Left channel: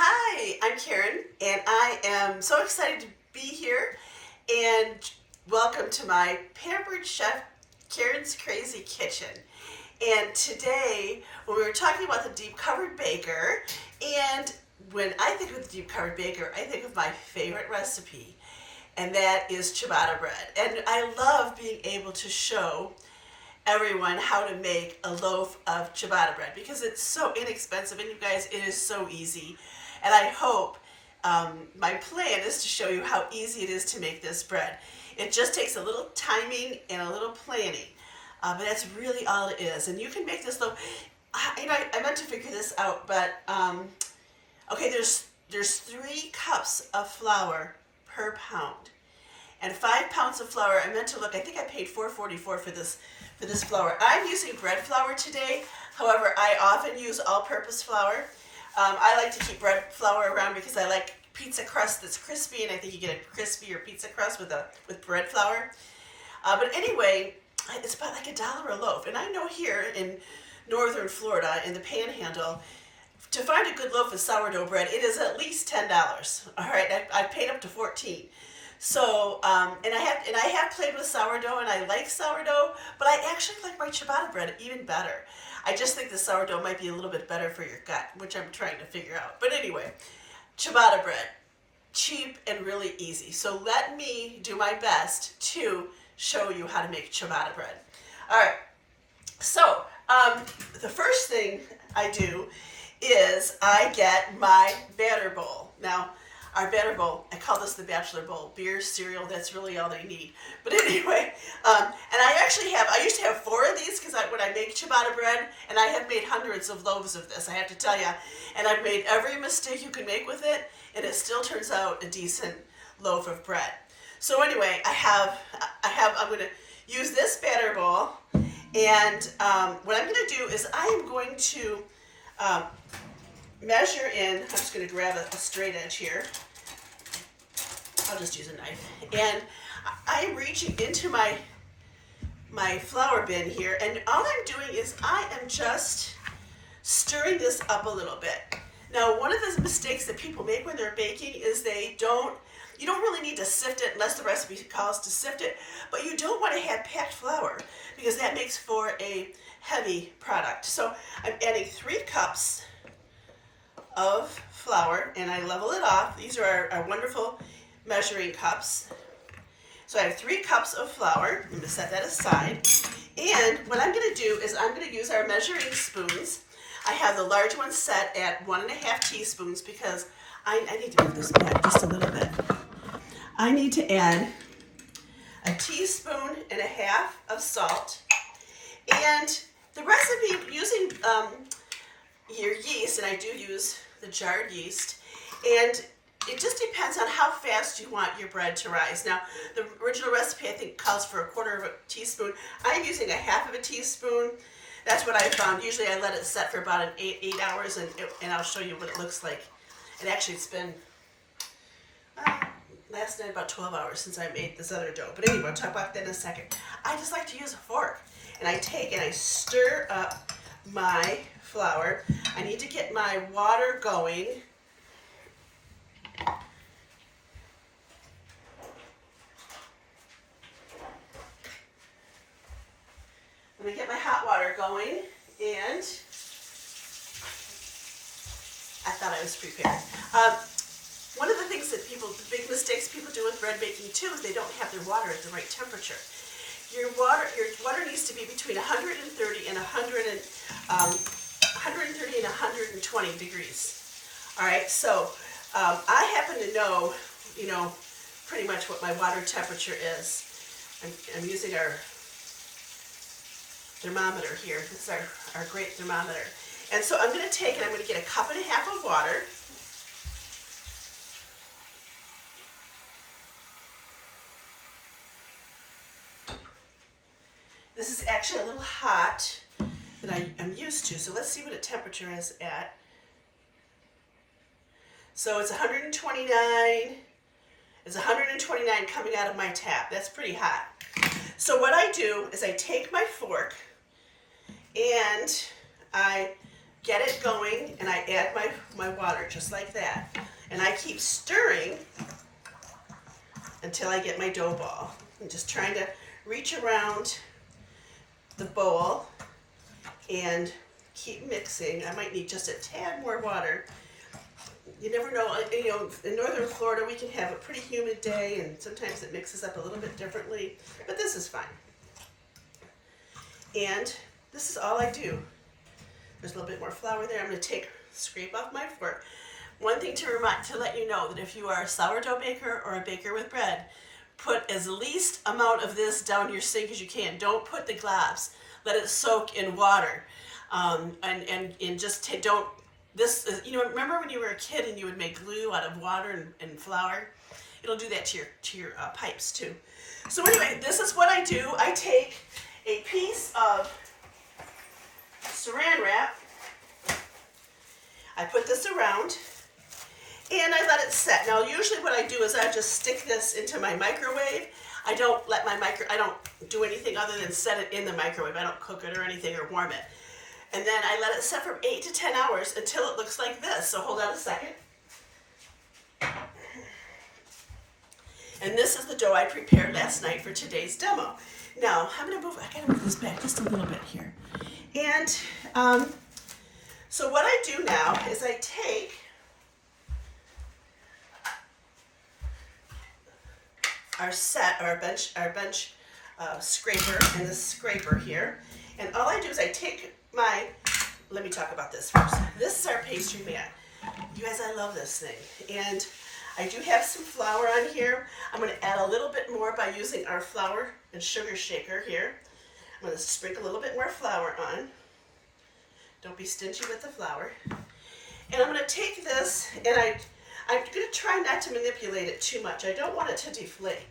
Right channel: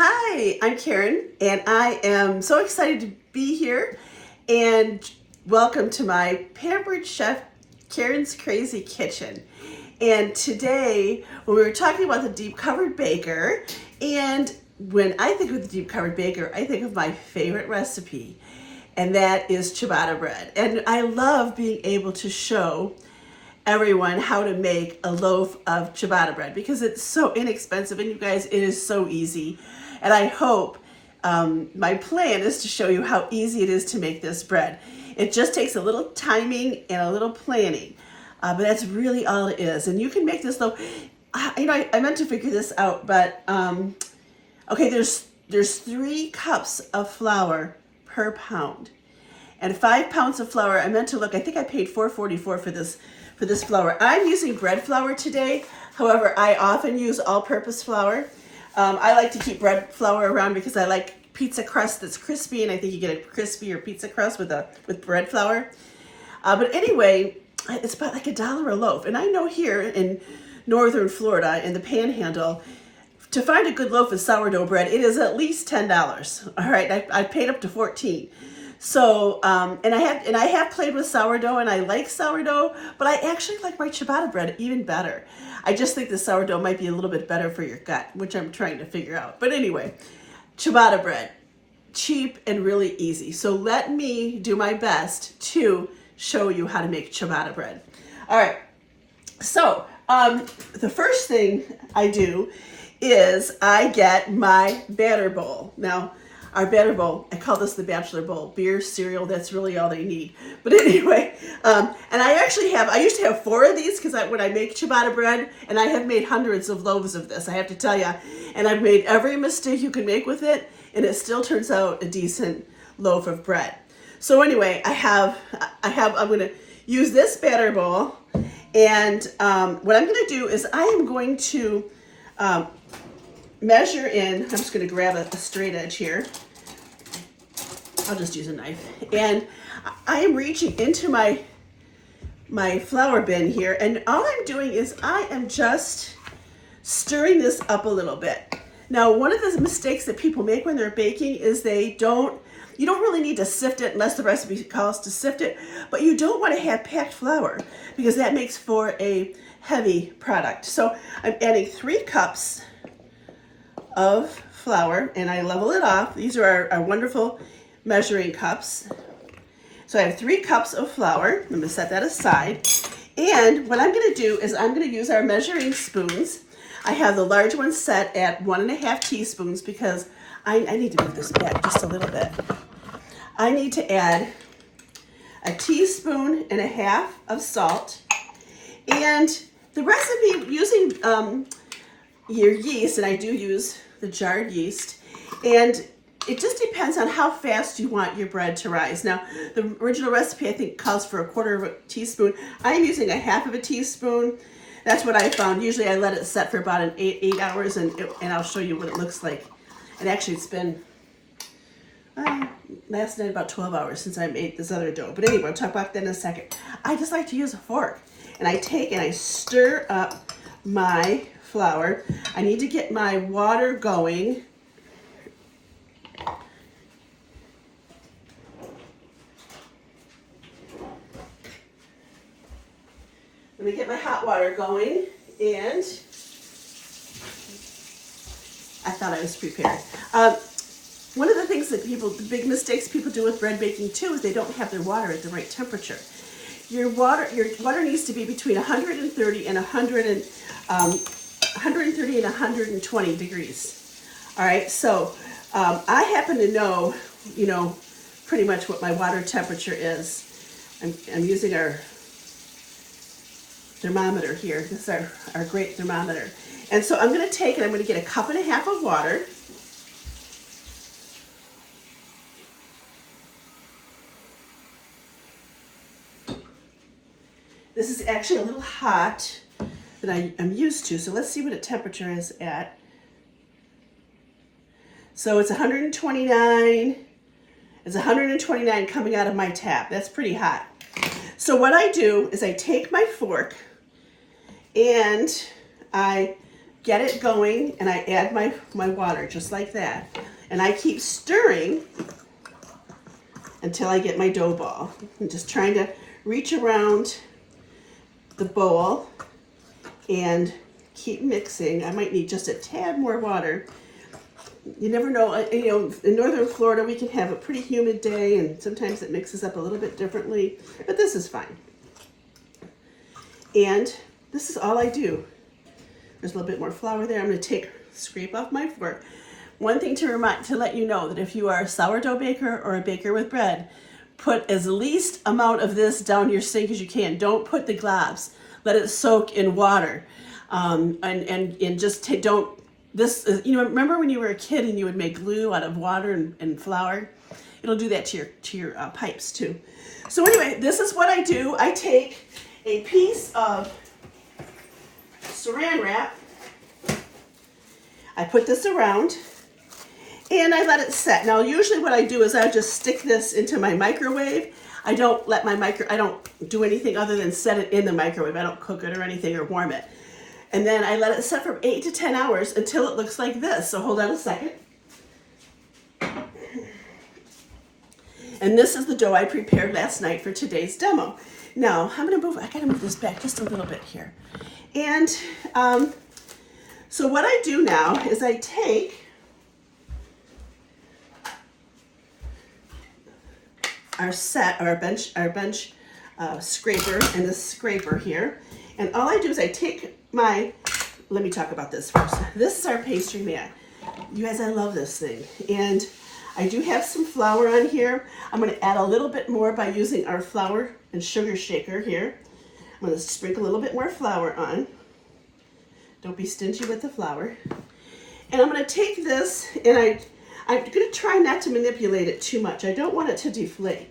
Hi, I'm Karen, and I am so excited to be here. And welcome to my Pampered Chef Karen's Crazy Kitchen. And today, when we were talking about the deep covered baker, and when I think of the deep covered baker, I think of my favorite recipe, and that is ciabatta bread. And I love being able to show everyone how to make a loaf of ciabatta bread because it's so inexpensive, and you guys, it is so easy. And I hope my plan is to show you how easy it is to make this bread. It just takes a little timing and a little planning, but that's really all it is. And you can make this loaf. I meant to figure this out, but okay, there's 3 cups of flour per pound, and 5 pounds of flour. I meant to look. I think I paid $4.44 for this flour. I'm using bread flour today. However, I often use all-purpose flour. I like to keep bread flour around because I like pizza crust that's crispy, and I think you get a crispier pizza crust with bread flour. But anyway, it's about like $1 a loaf. And I know here in northern Florida, in the Panhandle, to find a good loaf of sourdough bread, it is at least $10. All right, I paid up to $14. So, and I have played with sourdough, and I like sourdough, but I actually like my ciabatta bread even better. I just think the sourdough might be a little bit better for your gut, which I'm trying to figure out. But anyway, ciabatta bread, cheap and really easy. So let me do my best to show you how to make ciabatta bread. All right. So the first thing I do is I get my batter bowl. Now, our batter bowl, I call this the bachelor bowl. Beer, cereal, that's really all they need. But anyway, and I used to have 4 of these because when I make ciabatta bread, and I have made hundreds of loaves of this, I have to tell you, and I've made every mistake you can make with it, and it still turns out a decent loaf of bread. So anyway, I'm going to use this batter bowl, and what I'm going to do is I am going to measure in. I'm just going to grab a straight edge here. I'll just use a knife. And I am reaching into my flour bin here, and all I'm doing is I am just stirring this up a little bit. Now, one of the mistakes that people make when they're baking is you don't really need to sift it unless the recipe calls to sift it, but you don't want to have packed flour because that makes for a heavy product. So I'm adding 3 cups of flour, and I level it off. These are our wonderful measuring cups. So I have 3 cups of flour. I'm going to set that aside. And what I'm going to do is I'm going to use our measuring spoons. I have the large one set at 1.5 teaspoons because I need to move this back just a little bit. I need to add 1.5 teaspoons of salt. And the recipe using your yeast, and I do use the jarred yeast, and it just depends on how fast you want your bread to rise. Now, the original recipe I think calls for 1/4 teaspoon. I'm using 1/2 teaspoon. That's what I found. Usually I let it set for about 8 hours, and I'll show you what it looks like. And actually it's been last night about 12 hours since I made this other dough. But anyway, I'll talk about that in a second. I just like to use a fork, and I take and I stir up my flour. I need to get my water going. Let me get my hot water going, and I thought I was prepared. One of the things that the big mistakes people do with bread baking too is they don't have their water at the right temperature. Your water needs to be between 130 and 120 degrees. All right, so I happen to know, pretty much what my water temperature is. I'm using our thermometer here. This is our great thermometer. And so I'm going to take it, I'm going to get 1.5 cups of water. This is actually a little hot than I'm used to, so let's see what the temperature is at. So it's 129. It's 129 coming out of my tap. That's pretty hot. So what I do is I take my fork and I get it going and I add my water just like that. And I keep stirring until I get my dough ball. I'm just trying to reach around the bowl and keep mixing. I might need just a tad more water. You never know, in northern Florida we can have a pretty humid day and sometimes it mixes up a little bit differently, but this is fine. And this is all I do. There's a little bit more flour there. I'm going to scrape off my fork. One thing to let you know that if you are a sourdough baker or a baker with bread, put as least amount of this down your sink as you can. Don't put the globs. Let it soak in water, and just don't. This is, remember when you were a kid and you would make glue out of water and flour? It'll do that to your pipes too. So anyway, this is what I do. I take a piece of saran wrap. I put this around and I let it set. Now usually what I do is I just stick this into my microwave. I don't do anything other than set it in the microwave. I don't cook it or anything or warm it. And then I let it set for 8 to 10 hours until it looks like this. So hold on a second. And this is the dough I prepared last night for today's demo. Now, I gotta move this back just a little bit here. And so what I do now is I take our bench scraper and the scraper here. And all I do is I take let me talk about this first. This is our pastry mat. You guys, I love this thing. And I do have some flour on here. I'm going to add a little bit more by using our flour and sugar shaker here. I'm going to sprinkle a little bit more flour on. Don't be stingy with the flour. And I'm going to take this and I'm going to try not to manipulate it too much. I don't want it to deflate.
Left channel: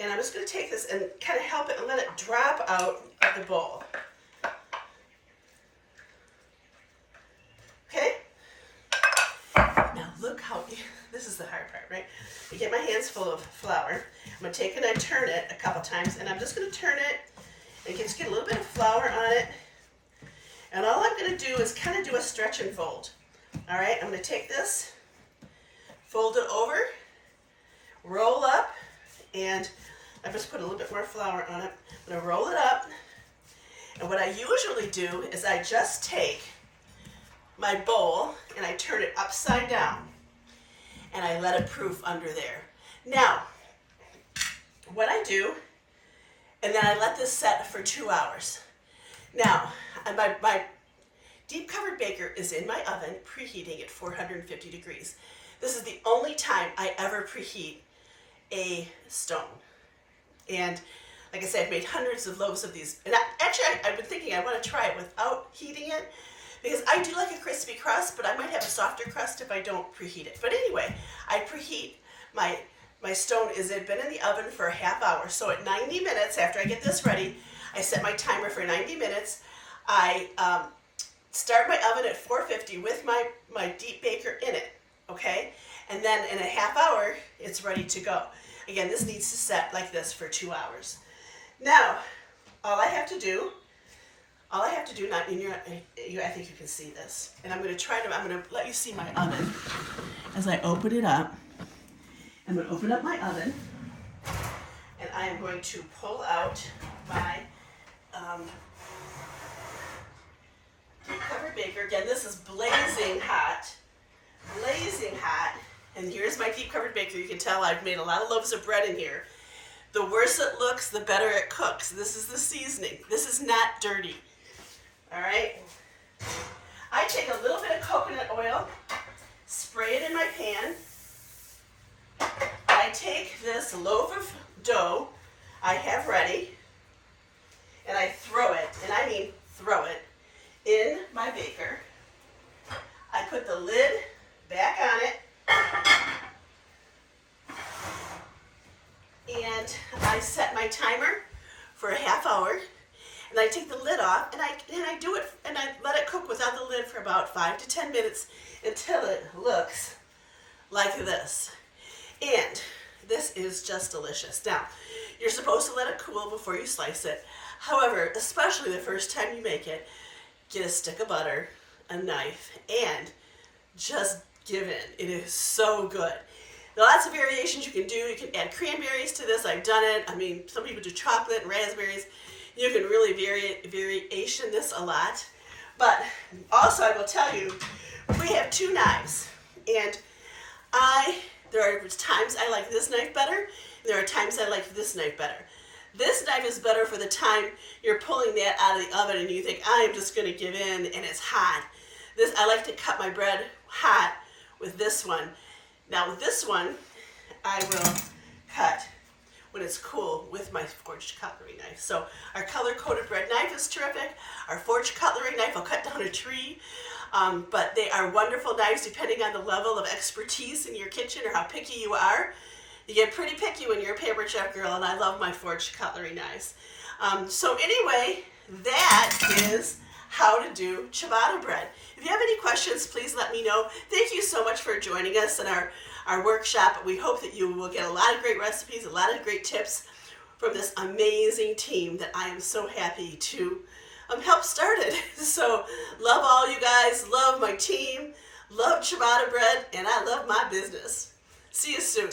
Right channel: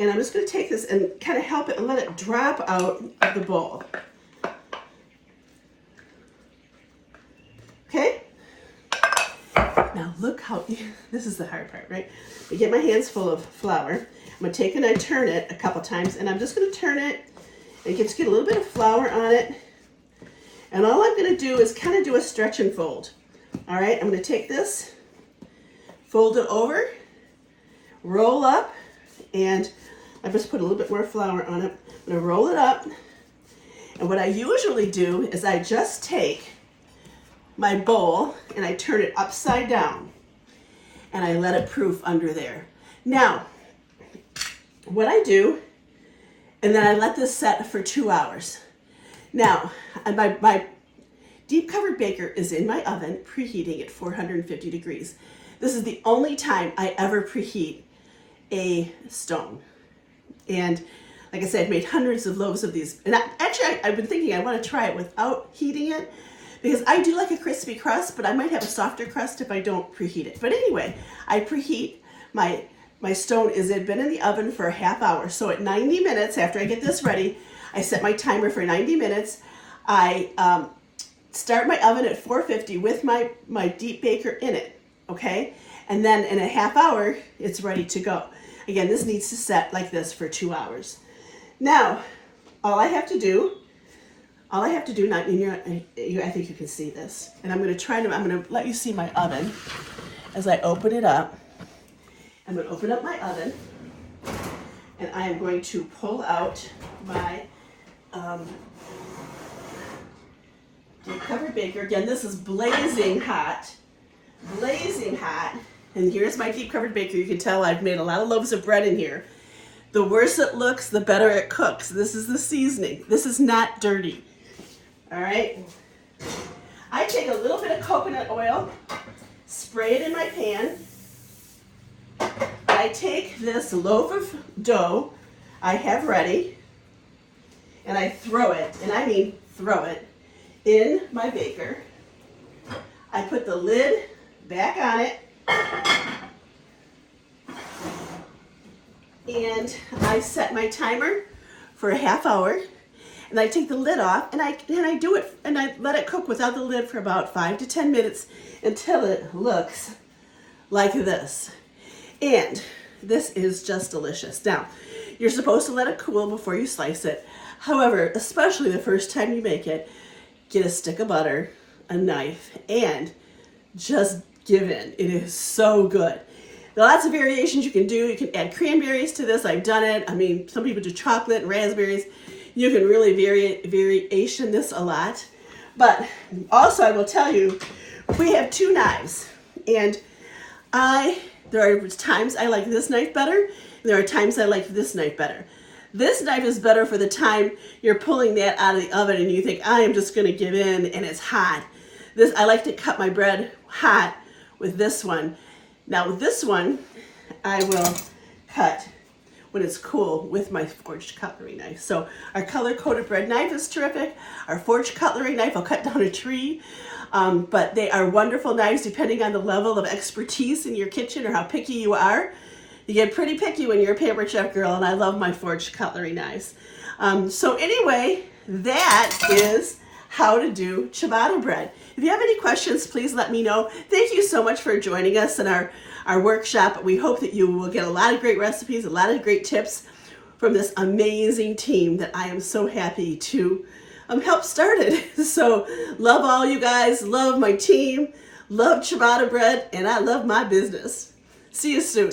And I'm just going to take this and kind of help it and let it drop out of the bowl. Okay? Now look how, this is the hard part, right? I get my hands full of flour. I'm going to take and I turn it a couple times, and I'm just going to turn it and get a little bit of flour on it. And all I'm going to do is kind of do a stretch and fold. All right, I'm going to take this, fold it over, roll up, and I just put a little bit more flour on it. I'm going to roll it up. And what I usually do is I just take my bowl and I turn it upside down and I let it proof under there. Now, what I do, and then I let this set for 2 hours. Now, my deep covered baker is in my oven, preheating at 450 degrees. This is the only time I ever preheat a stone. And like I said, I've made hundreds of loaves of these. And I've been thinking I want to try it without heating it, because I do like a crispy crust, but I might have a softer crust if I don't preheat it. But anyway, I preheat my stone. It's been in the oven for a half hour. So at 90 minutes, after I get this ready, I set my timer for 90 minutes. I start my oven at 450 with my deep baker in it, okay? And then in a half hour, it's ready to go. Again, this needs to set like this for 2 hours. Now, all I have to do, I think you can see this. And I'm going to let you see my oven as I open it up. I'm going to open up my oven, and I am going to pull out my deep covered baker. Again, this is blazing hot, and here's my deep covered baker. You can tell I've made a lot of loaves of bread in here. The worse it looks, the better it cooks. This is the seasoning. This is not dirty. All right. I take a little bit of coconut oil, spray it in my pan. I take this loaf of dough I have ready, and I throw it, and I mean throw it, in my baker. I put the lid back on it, and I set my timer for a half hour, and I take the lid off, and I do it, and I let it cook without the lid for about 5 to 10 minutes until it looks like this. And this is just delicious. Now, you're supposed to let it cool before you slice it. However, especially the first time you make it, get a stick of butter, a knife and just give in. It is so good. There are lots of variations you can do. You can add cranberries to this. I've done it. I mean, some people do chocolate and raspberries. You can really variation this a lot. But also I will tell you, we have two knives. And there are times I like this knife better. And there are times I like this knife better. This knife is better for the time you're pulling that out of the oven and you think, I am just going to give in and it's hot. I like to cut my bread hot with this one. Now with this one, I will cut when it's cool with my forged cutlery knife. So our color-coated bread knife is terrific. Our forged cutlery knife, I'll cut down a tree. But they are wonderful knives depending on the level of expertise in your kitchen or how picky you are. You get pretty picky when you're a Pampered Chef girl, and I love my forged cutlery knives. So anyway, that is how to do ciabatta bread. If you have any questions, please let me know. Thank you so much for joining us in our workshop. We hope that you will get a lot of great recipes, a lot of great tips from this amazing team that I am so happy to help started. So love all you guys, love my team, love ciabatta bread, and I love my business. See you soon.